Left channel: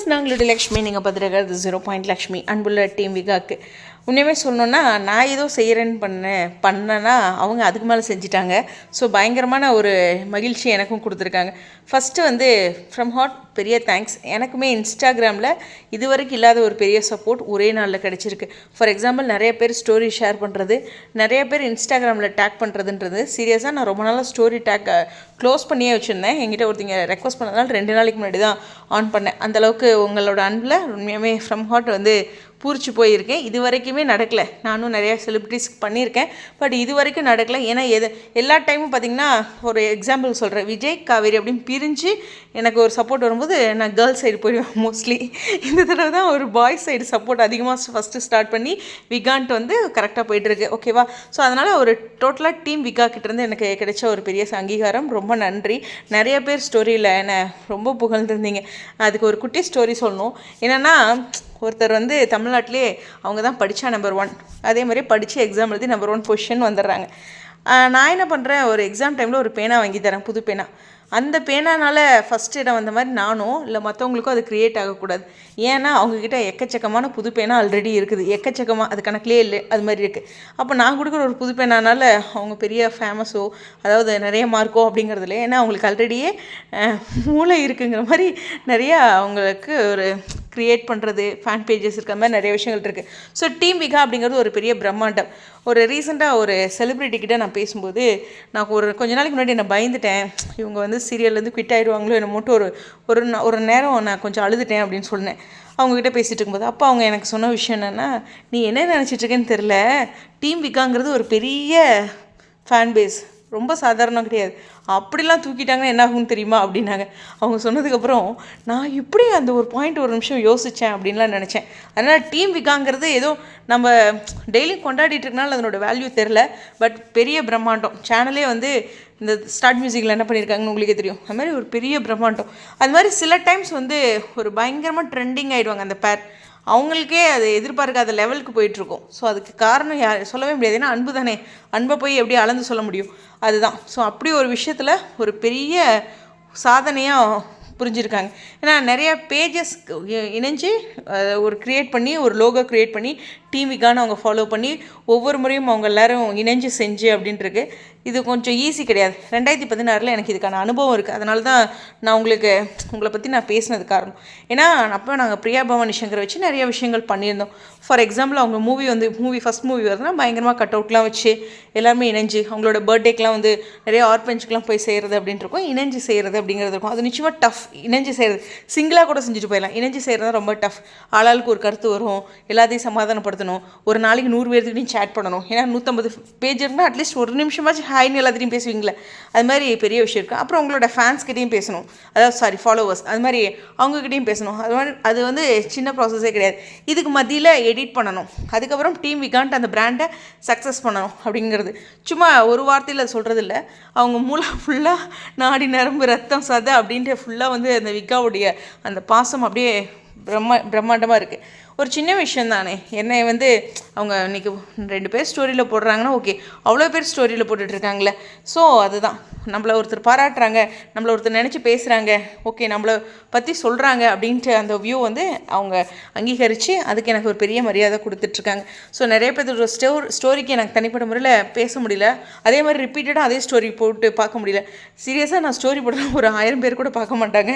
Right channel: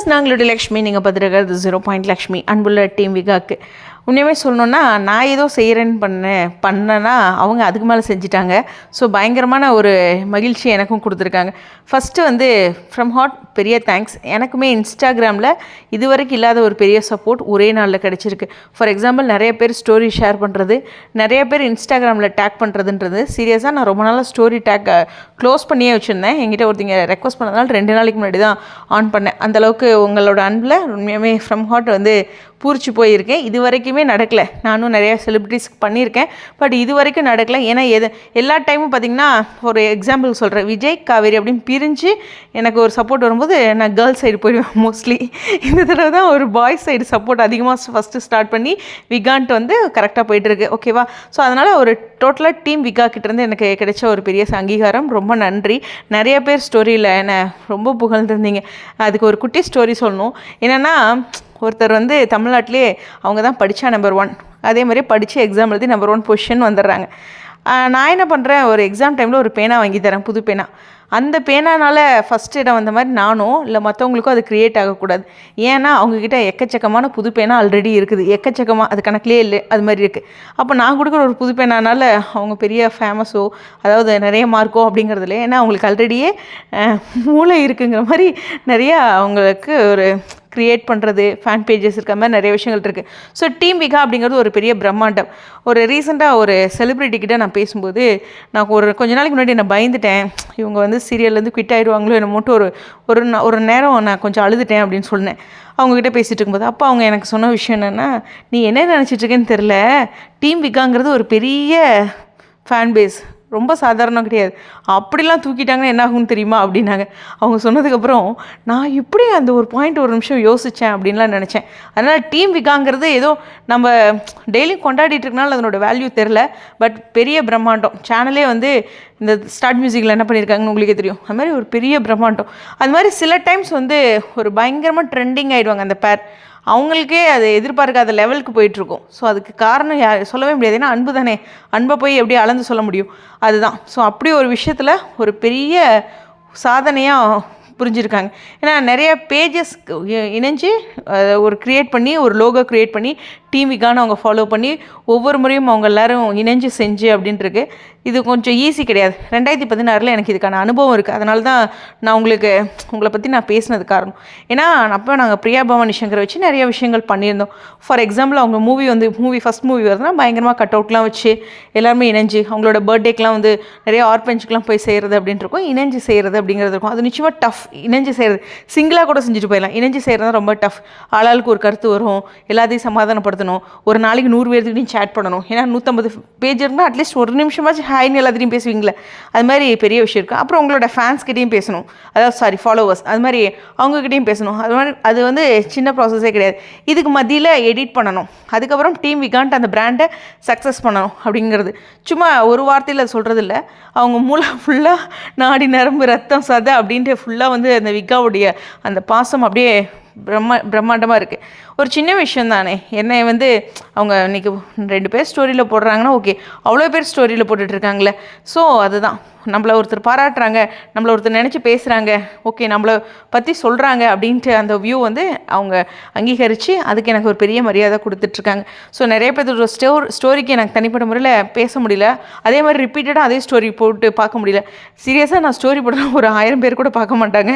Viewers நாங்களுடைய Lakshmi நீங்கள் பார்த்துருக்கிறது zero point Lakshmi அன்புள்ள team விகாக்கு உண்மையுமே சொல்லணுன்னா நான் ஏதோ செய்கிறேன்னு பண்ணேன் பண்ணேன்னா அவங்க அதுக்கு மேலே செஞ்சிட்டாங்க. ஸோ பயங்கரமான ஒரு மகிழ்ச்சி எனக்கும் கொடுத்துருக்காங்க. ஃபஸ்ட்டு வந்து ஃப்ரம் ஹாட் பெரிய தேங்க்ஸ் எனக்குமே இன்ஸ்டாகிராமில் இது வரைக்கும் இல்லாத ஒரு பெரிய சப்போர்ட் ஒரே நாளில் கிடச்சிருக்கு. ஃபார் எக்ஸாம்பிள் நிறைய பேர் ஸ்டோரி ஷேர் பண்ணுறது நிறைய பேர் இன்ஸ்டாகிராமில் டேக் பண்ணுறதுன்றது சீரியஸாக நான் ரொம்ப நாளாக ஸ்டோரி டேக் க்ளோஸ் பண்ணியே வச்சுருந்தேன். என்கிட்ட ஒருத்தங்க ரெக்வஸ்ட் பண்ணதுனால ரெண்டு நாளைக்கு முன்னாடி தான் ஆன் பண்ணேன் அந்தளவுக்கு உங்களோட அன்பில் உண்மையாகவே ஃப்ரம் ஹாட் வந்து பூரிச்சு போயிருக்கேன். இது வரைக்குமே நடக்கலை. நானும் நிறையா செலிப்ரிட்டிஸ்க்கு பண்ணியிருக்கேன். பட் இது வரைக்கும் நடக்கலை. ஏன்னா எது எல்லா டைமும் பார்த்திங்கன்னா ஒரு எக்ஸாம்பிள் சொல்கிறேன் விஜய் காவேரி அப்படின்னு பிரிஞ்சு எனக்கு ஒரு சப்போர்ட் வரும்போது நான் கேர்ள்ஸ் சைடு போயிடுவேன் மோஸ்ட்லி இந்த தடவை தான் ஒரு பாய்ஸ் சைடு சப்போர்ட் அதிகமாக ஃபஸ்ட்டு ஸ்டார்ட் பண்ணி விகான்ட்டு வந்து கரெக்டாக போயிட்டுருக்கு ஓகேவா ஸோ அதனால் ஒரு டோட்டலாக டீம் விகா கிட்டேருந்து எனக்கு கிடைச்ச ஒரு பெரிய அங்கீகாரம். ரொம்ப நன்றி. நிறைய பேர் ஸ்டோரியில் என்னை ரொம்ப புகழ்ந்துருந்தீங்க. அதுக்கு ஒரு குட்டி ஸ்டோரி சொல்லணும். என்னென்னா ஒருத்தர் வந்து தமிழ்நாட்டிலே அவங்க தான் படித்தா நம்பர் ஒன் அதே மாதிரி படித்து எக்ஸாம் எழுதி நம்பர் ஒன் பொசிஷன் வந்துடுறாங்க. நான் என்ன பண்ணுறேன் ஒரு எக்ஸாம் டைமில் ஒரு பேனா வாங்கி தரேன் புது பேனா. அந்த பேனானால் ஃபஸ்ட் இடம் வந்த மாதிரி நானும் இல்லை மற்றவங்களுக்கும் அது க்ரியேட் ஆகக்கூடாது. ஏன்னா அவங்கக்கிட்ட எக்கச்சக்கமான புது பேனா ஆல்ரெடி இருக்குது. எக்கச்சக்கமாக அது கணக்கிலே இல்லை அது மாதிரி இருக்குது அப்போ நான் கொடுக்குற ஒரு புது பேனானால அவங்க பெரிய ஃபேமஸோ அதாவது நிறைய மார்க்கோ அப்படிங்கிறதுல ஏன்னா அவங்களுக்கு ஆல்ரெடியே மூளை இருக்குங்கிற மாதிரி நிறைய அவங்களுக்கு ஒரு க்ரியேட் பண்ணுறது ஃபேன் பேஜஸ் இருக்க மாதிரி நிறைய விஷயங்கள் இருக்குது ஸோ டீம் விகா அப்படிங்கிறது ஒரு பெரிய பிரம்மாண்டம். ஒரு ரீசெண்டாக ஒரு செலிப்ரிட்டிக்கிட்ட நான் பேசும்போது நான் ஒரு கொஞ்ச நாளைக்கு முன்னாடி நான் பயந்துட்டேன். இவங்க வந்து சீரியல்லேருந்து குவிட் ஆயிடுவாங்களோ என்ன மட்டும் ஒரு ஒரு ஒரு நேரம் நான் கொஞ்சம் அழுதுட்டேன் அப்படின்னு சொன்னேன். அவங்கக்கிட்ட பேசிகிட்டு இருக்கும்போது அப்போ அவங்க எனக்கு சொன்ன விஷயம் என்னென்னா நீ என்ன நினச்சிட்டு இருக்கேன்னு தெரில டீம் விகாங்கிறது ஒரு பெரிய ஃபேன் பேஸ் ரொம்ப சாதாரணம் கிடையாது. அப்படிலாம் தூக்கிட்டாங்கன்னா என்ன ஆகும்னு தெரியுமா? அப்படின்னாங்க. அவங்க சொன்னதுக்கப்புறம் நான் இப்படி அந்த ஒரு பாயிண்ட் ஒரு நிமிஷம் யோசித்தேன் அப்படின்லாம் நினச்சேன். அதனால் டீம் விகாங்கிறது ஏதோ நம்ம டெய்லி கொண்டாடிட்டு இருக்கனால அதனோட வேல்யூ தெரில பட் பெரிய பிரம்மாண்டம். சேனலே வந்து இந்த ஸ்டார்ட் மியூசிக்கில் என்ன பண்ணியிருக்காங்கன்னு உங்களுக்கே தெரியும். அது மாதிரி ஒரு பெரிய பிரம்மாண்டம். அது மாதிரி சில டைம்ஸ் வந்து ஒரு பயங்கரமாக ட்ரெண்டிங் ஆகிடுவாங்க அந்த பேர் அவங்களுக்கே அது எதிர்பார்க்காத லெவலுக்கு போயிட்டுருக்கும் ஸோ அதுக்கு காரணம் யார்? சொல்லவே முடியாது. ஏன்னா அன்பு தானே. அன்பை போய் எப்படி அளந்து சொல்ல முடியும்? அதுதான். ஸோ அப்படி ஒரு விஷயத்தில் ஒரு பெரிய சாதனையாக புரிஞ்சிருக்காங்க. ஏன்னா நிறைய பேஜஸ் இணைஞ்சு ஒரு க்ரியேட் பண்ணி ஒரு லோகோ க்ரியேட் பண்ணி டிவிக்கான அவங்க ஃபாலோ பண்ணி ஒவ்வொரு முறையும் அவங்க எல்லாரும் இணைஞ்சு செஞ்சு அப்படின்ட்டுருக்கு. இது கொஞ்சம் ஈஸி கிடையாது. ரெண்டாயிரத்தி பதினாறில் எனக்கு இதுக்கான அனுபவம் இருக்குது அதனால தான் நான் உங்களுக்கு உங்களை பற்றி நான் பேசினது காரணம். ஏன்னா அப்போ நாங்கள் பிரியா பவானி சங்கரை வச்சு நிறைய விஷயங்கள் பண்ணியிருந்தோம். ஃபார் எக்ஸாம்பிள் அவங்க மூவி வந்து மூவி ஃபஸ்ட் மூவி வருதுன்னா பயங்கரமாக கட் அவுட்லாம் வச்சு எல்லாருமே இணைஞ்சு அவங்களோட பர்த்டேக்கெலாம் வந்து நிறைய ஆர்பஞ்சுக்கெலாம் போய் செய்கிறது அப்படின்ட்டு இருக்கும். இணைஞ்சு செய்கிறது அப்படிங்கிறது இருக்கும். அது நிச்சயமாக டஃப் இணைஞ்சு செய்கிறது சிங்கிளாக கூட செஞ்சுட்டு போயிடலாம். இணைஞ்சு செய்கிறது ரொம்ப டஃப் ஆளாளுக்கு ஒரு கருத்து வரும். எல்லாத்தையும் சமாதானப்படுத்தணும் ஒரு நாளைக்கு நூறு பேர்த்துக்கிட்டையும் சேட் பண்ணணும். ஏன்னா நூற்றம்பது பேஜ் இருந்தால் அட்லீஸ்ட் ஒரு நிமிஷமாச்சும் ஹாய்னு எல்லாத்தையும் பேசுவீங்களே. அது மாதிரி பெரிய விஷயம் இருக்குது அப்புறம் உங்களோட ஃபேன்ஸ்கிட்டையும் பேசணும். அதாவது சாரி ஃபாலோவர்ஸ் அது மாதிரி அவங்கக்கிட்டையும் பேசணும். அது மாதிரி அது வந்து சின்ன ப்ராசஸே கிடையாது. இதுக்கு மத்தியில் எடிட் பண்ணணும். அதுக்கப்புறம் டீம் விகான்ட்டு அந்த பிராண்டை சக்ஸஸ் பண்ணணும் அப்படிங்கிறது. சும்மா ஒரு வார்த்தையில் சொல்கிறது இல்லை அவங்க மூளை ஃபுல்லாக நாடி நரம்பு ரத்தம் சதை அப்படின்ட்டு ஃபுல்லாக வந்து அந்த விகாவுடைய அந்த பாசம் அப்படியே பிரம்ம பிரம்மாண்டமாக இருக்குது ஒரு சின்ன விஷயம் தானே. என்னை வந்து அவங்க இன்றைக்கி ரெண்டு பேர் ஸ்டோரியில் போடுறாங்கன்னா ஓகே அவ்வளோ பேர் ஸ்டோரியில் போட்டுட்ருக்காங்களே ஸோ அதுதான். நம்மளை ஒருத்தர் பாராட்டுறாங்க நம்மளை ஒருத்தர் நினச்சி பேசுகிறாங்க ஓகே நம்மளை பற்றி சொல்கிறாங்க அப்படின்ட்டு அந்த வியூ வந்து அவங்க அங்கீகரித்து அதுக்கு எனக்கு ஒரு பெரிய மரியாதை கொடுத்துட்ருக்காங்க ஸோ நிறைய பேர் ஸ்டோ ஸ்டோரிக்கு எனக்கு தனிப்பட்ட முறையில் பேச முடியல. அதே மாதிரி ரிப்பீட்டடாக அதே ஸ்டோரி போட்டு பார்க்க முடியல. சீரியஸாக நான் ஸ்டோரி போடுறேன். ஒரு ஆயிரம் பேர் கூட பார்க்க மாட்டாங்க.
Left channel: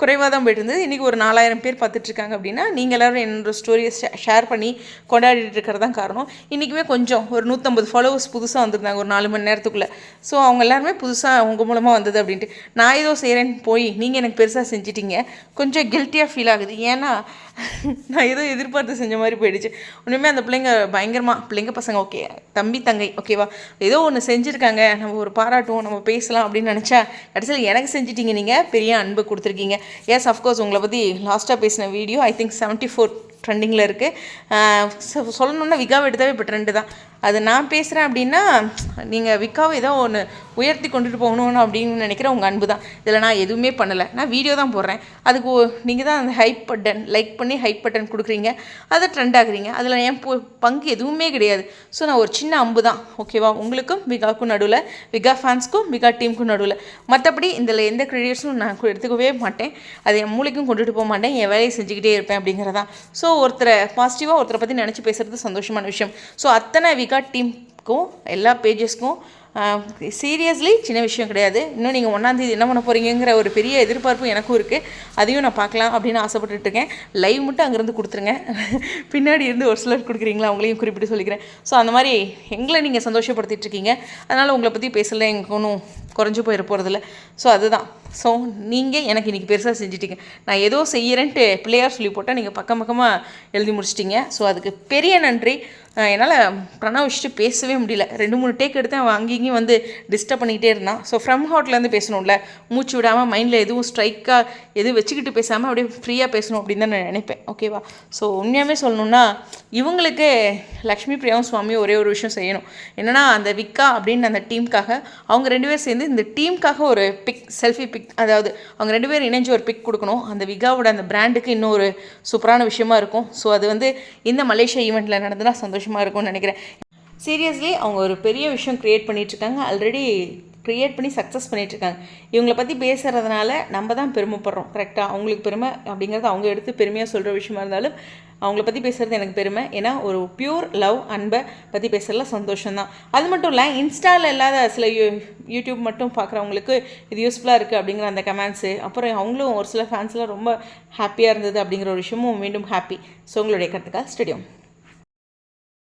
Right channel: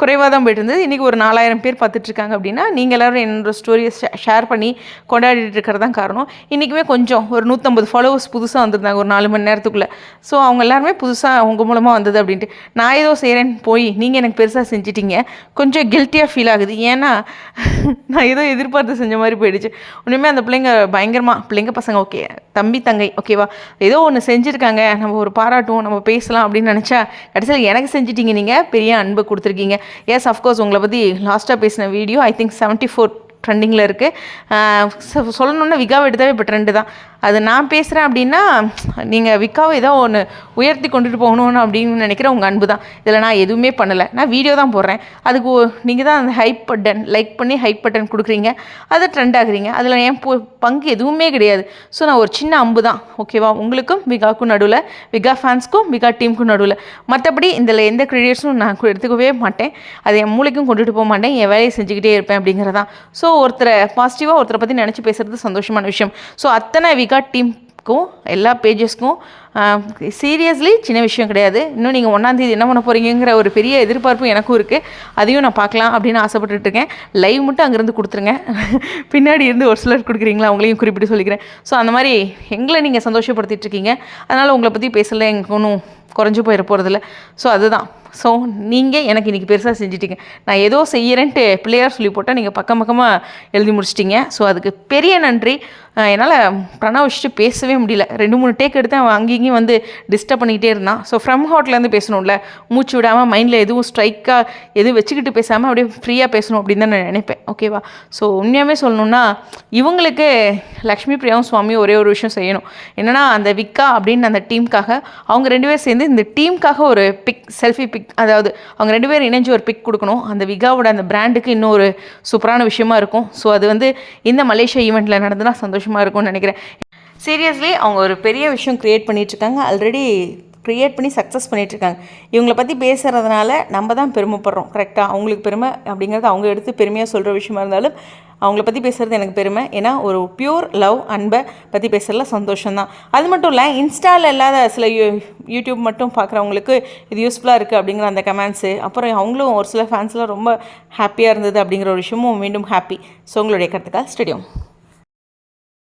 குறைவாக தான் போயிட்டு இருந்தது. இன்றைக்கி ஒரு நாலாயிரம் பேர் பார்த்துட்ருக்காங்க அப்படின்னா நீங்கள் எல்லோரும் என்னோட ஸ்டோரியை ஷேர் பண்ணி கொண்டாடிட்டு இருக்கிறது தான் காரணம். இன்றைக்குமே கொஞ்சம் ஒரு நூற்றம்பது ஃபாலோவர்ஸ் புதுசாக வந்திருந்தாங்க ஒரு நாலு மணி நேரத்துக்குள்ளே. ஸோ அவங்க எல்லாருமே புதுசாக அவங்க மூலமாக வந்தது அப்படின்ட்டு. நான் ஏதோ செய்கிறேன்னு போய் நீங்கள் எனக்கு பெருசாக செஞ்சிட்டிங்க. கொஞ்சம் கில்ட்டியாக ஃபீல் ஆகுது. ஏன்னா நான் ஏதோ எதிர்பார்த்து செஞ்ச மாதிரி போயிடுச்சு. ஒன்றுமே அந்த பிள்ளைங்க பயங்கரமாக பிள்ளைங்க பசங்க ஓகே தம்பி தங்கை ஓகேவா ஏதோ ஒன்று செஞ்சுருக்காங்க நம்ம ஒரு பாராட்டுவோம் நம்ம பேசலாம் அப்படின்னு நினச்சா கடைசியில் எனக்கு செஞ்சிட்டிங்க நீங்கள் பெரிய அன்பு கொடுத்துருக்கீங்க. எஸ் அஃப்கோர்ஸ் உங்களை பற்றி லாஸ்ட்டாக பேசின video I think seventy four ட்ரெண்டிங்கில் இருக்குது சொல்லணுன்னா விகாவை எடுத்தாவே இப்போ ட்ரெண்டு தான். அது நான் பேசுகிறேன் அப்படின்னா நீங்கள் விக்காவை ஏதோ ஒன்று உயர்த்தி கொண்டுட்டு போகணும்னு அப்படின்னு நினைக்கிற உங்கள் அன்பு தான். இதில் நான் எதுவுமே பண்ணலை. நான் வீடியோ தான் போடுறேன். அதுக்கு நீங்கள் தான் அந்த ஹைப் பட்டன் லைக் பண்ணி ஹைப் பட்டன் கொடுக்குறீங்க. அதை ட்ரெண்ட் ஆகுறீங்க. அதில் என் பங்கு எதுவுமே கிடையாது. ஸோ நான் ஒரு சின்ன அம்பு தான். ஓகேவா உங்களுக்கும் விகாவுக்கும் நடுவில் விகா ஃபேன்ஸ்க்கும் விகா டீமுக்கும் நடுவில். மற்றபடி இதில் எந்த கிரெடிட்ஸும் நான் எடுத்துக்கவே மாட்டேன். அதை என் மூளைக்கும் கொண்டுட்டு போக மாட்டேன். என் வேலையை செஞ்சுக்கிட்டே இருப்பேன் அப்படிங்கிறதான் ஸோ ஒருத்தரை பாசிட்டிவாக ஒருத்தரை பற்றி நினச்சி பேசுகிறது சந்தோஷமான விஷயம். ஸோ அத்தனை விகா டீமுக்கும் எல்லா பேஜஸ்க்கும் சீரியஸ்லி சின்ன விஷயம் கிடையாது. இன்னும் நீங்கள் ஒன்றாந்தேதி என்ன பண்ண போகிறீங்கிற ஒரு பெரிய எதிர்பார்ப்பு எனக்கும் இருக்குது அதையும் நான் பார்க்கலாம் அப்படின்னு ஆசைப்பட்டுட்டு இருக்கேன். லைவ் மட்டும் அங்கேருந்து கொடுத்துருங்க. பின்னாடி இருந்து ஒரு சிலர் கொடுக்குறீங்களா? அவங்களையும் குறிப்பிட்டு சொல்லிக்கிறேன். ஸோ அந்த மாதிரி எங்களை நீங்கள் சந்தோஷப்படுத்திட்டு இருக்கீங்க. அதனால் உங்களை பற்றி பேசல எனக்கு ஒன்றும் குறைஞ்சு போயிட போகிறதில்ல ஸோ அதுதான். ஸோ நீங்கள் எனக்கு இன்றைக்கி பெருசாக செஞ்சிட்டிங்க. நான் ஏதோ செய்கிறேன்ட்டு பிள்ளையார் சொல்லி போட்டால் நீங்கள் பக்கம் பக்கமாக எழுதி முடிச்சிட்டிங்க. ஸோ அதுக்கு பெரிய நன்றி. என்னால் பிரணவ் வச்சுட்டு பேசவே முடியல. ரெண்டு மூணு டேக் எடுத்து அவன் அங்கேயும் வந்து டிஸ்டர்ப் பண்ணிக்கிட்டே இருந்தான். ஸோ ஃப்ரம் ஹோட்டலேருந்து பேசணும்ல. மூச்சு விடாமல் மைண்டில் எதுவும் ஸ்ட்ரைக்காக எதுவும் வச்சுக்கிட்டு பேசாமல் அப்படியே ஃப்ரீயாக பேசணும் அப்படின்னு தான் நான் நினைப்பேன். ஓகேவா ஸோ உண்மையாகவே சொல்லணும்னா இவங்களுக்கு லக்ஷ்மி பிரியாவும் சுவாமியும் ஒரே ஒரு விஷயம் செய்யணும். என்னென்னா அந்த விக்கா அப்படின்னு அந்த டீமுக்காக அவங்க ரெண்டு பேரும் சேர்ந்து இந்த டீமுக்காக ஒரு பிக் செல்ஃபி பிக் அதாவது அவங்க ரெண்டு பேரும் இணைஞ்சு ஒரு பிக் கொடுக்கணும். அந்த விகாவோட அந்த பிராண்டுக்கு இன்னும் ஒரு சூப்பரான விஷயமா இருக்கும். ஸோ அது வந்து இந்த மலேசியா ஈவெண்ட்டில் நடந்துனா சந்தோஷமாக இருக்கும்னு நினைக்கிறேன். சீரியஸ்லி அவங்க ஒரு பெரிய விஷயம் க்ரியேட் பண்ணிகிட்ருக்காங்க ஆல்ரெடி க்ரியேட் பண்ணி சக்ஸஸ் பண்ணிகிட்ருக்காங்க இவங்களை பற்றி பேசுகிறதுனால நம்ம தான் பெருமைப்படுறோம். கரெக்டாக அவங்களுக்கு பெருமை அப்படிங்கிறது அவங்க எடுத்து பெருமையாக சொல்கிற விஷயமா இருந்தாலும் அவங்கள பற்றி பேசுகிறது எனக்கு பெருமை. ஏன்னா ஒரு பியூர் லவ் அன்பை பற்றி பேசுகிறதுல சந்தோஷம்தான். அது மட்டும் இல்லை இன்ஸ்டாவில் இல்லாத சில யூ யூடியூப் மட்டும் பார்க்குறவங்களுக்கு இது யூஸ்ஃபுல்லாக இருக்குது அப்படிங்கிற அந்த கமெண்ட்ஸு அப்புறம் அவங்களும் ஒரு சில ஃபேன்ஸ்லாம் ரொம்ப ஹாப்பியாக இருந்தது அப்படிங்கிற ஒரு விஷயமும் மீண்டும் ஹாப்பி ஸோ உங்களுடைய கருத்துக்காக ஸ்டேடியம்